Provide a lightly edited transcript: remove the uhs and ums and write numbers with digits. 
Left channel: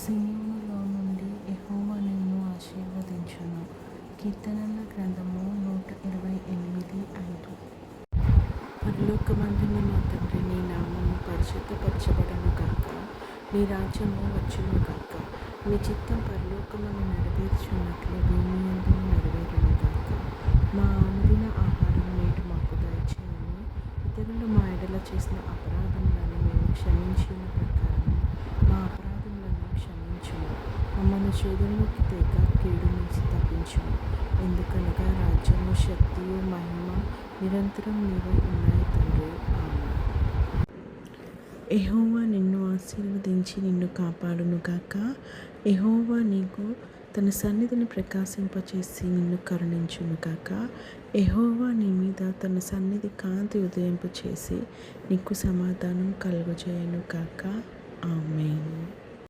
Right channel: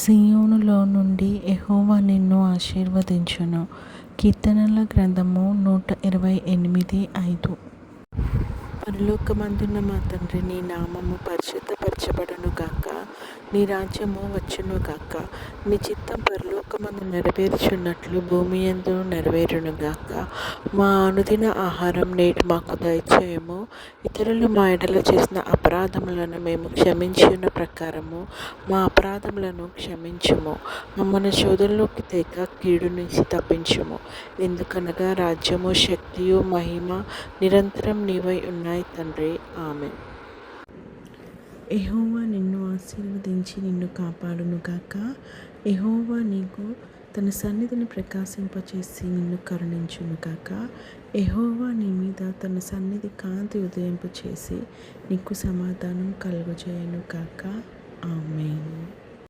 సీయోనులో నుండి యెహోవా నిన్ను ఆశీర్వదించును. కీర్తనల గ్రంథము 128:5. పరలోకమందున్న మా తండ్రి, నీ నామము పరిశుద్ధపరచబడును గాక. నీ రాజ్యము వచ్చును గాక. నీ చిత్తం పరలోకమందు నెరవేర్చున్నట్లు భూమి యందు నెరవేరును గాక. మా అనుదిన ఆహారం నేడు మాకు దయచేయము. ఇతరులు మా ఎడల చేసిన అపరాధములను మేము క్షమించిన ప్రకారము మా అపరాధములను క్షమించుము. మమ్మల్ని శోధనలోకి తేక కీడు నుంచి తప్పించుము. ఎందుకనగా రాజ్యము, శక్తియు, మహిమ నిరంతరం నీవై ఉన్నాయి తండ్రి. ఆమేన్. యెహోవా నిన్ను ఆశీర్వదించి నిన్ను కాపాడును గాక. యెహోవా నీకు తన సన్నిధిని ప్రకాశింపచేసి నిన్ను కరుణించును గాక. యెహోవా నీ మీద తన సన్నిధి కాంతి ఉదయింపచేసి నీకు సమాధానం కలుగజేయును గాక. ఆమేన్.